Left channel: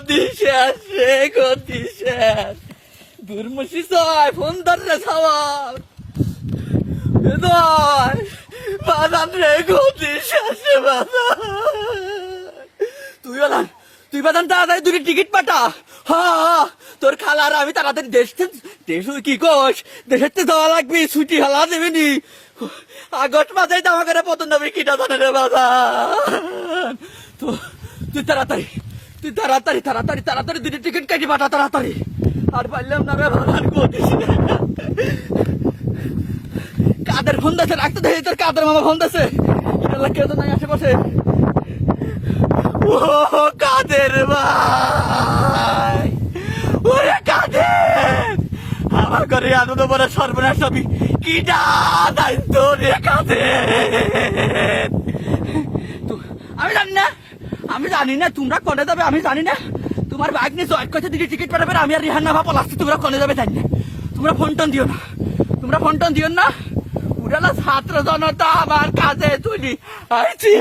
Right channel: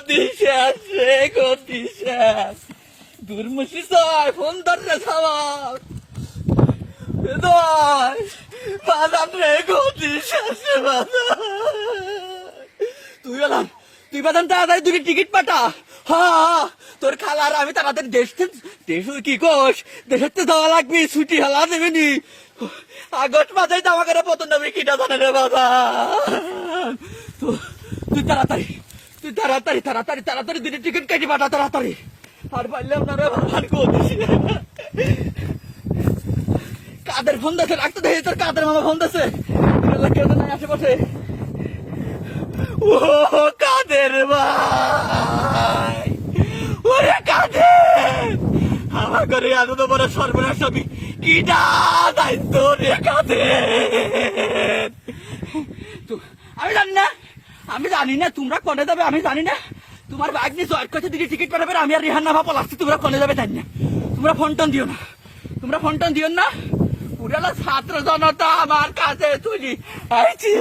গতি শেষ রে, গতি শেষ। দুর্মুষি ছয় ফোন ধর রে সবাই, বাজান রে, গতি শেষ রে বাজান। তুই বাজান তাড়াতাড়ি দুটি টিকিট পাঠা। হ্যাঁ, তোর খালার আমি তাড়াতাড়ি দেশ কি কোষ, দেশের তো যাওয়া লাগবে, ছুটি হালা দেবেনি। আগস্ট মাসে জামা করে পতন দেবে কিনা জানে রে বাজান। তুই তাড়াতাড়ি দুটি টিকিট কেটে পাঠা তাড়াতাড়ি। আর পারলাম না রে বাজান, কাদের ফোন দিচ্ছে, রাখতে দেখি তোর কাদের মামা ফোন দিচ্ছে, কেউ তো নাই আশেপাশে। ও কাদের ভাই, ওরে কাদের, আমার ঘরে আনন্দ বড় সর্বনাশ হবি কিটা দায়িত্ব রে কাদের। আমি জানি না তোমরা কনে যাবে, আমি জানি না। তোমার বাইক নিয়ে জয়েট করছে দিকে টিকিট পাঠাবে, আমি আর রিহান নামা পলাচ্ছি, তোমরা কনে যাবে জানি না। তোমরা ফোন টোন দিও না, পুরানো ছাত্র জনতা আমার কাছে চলি আইছি।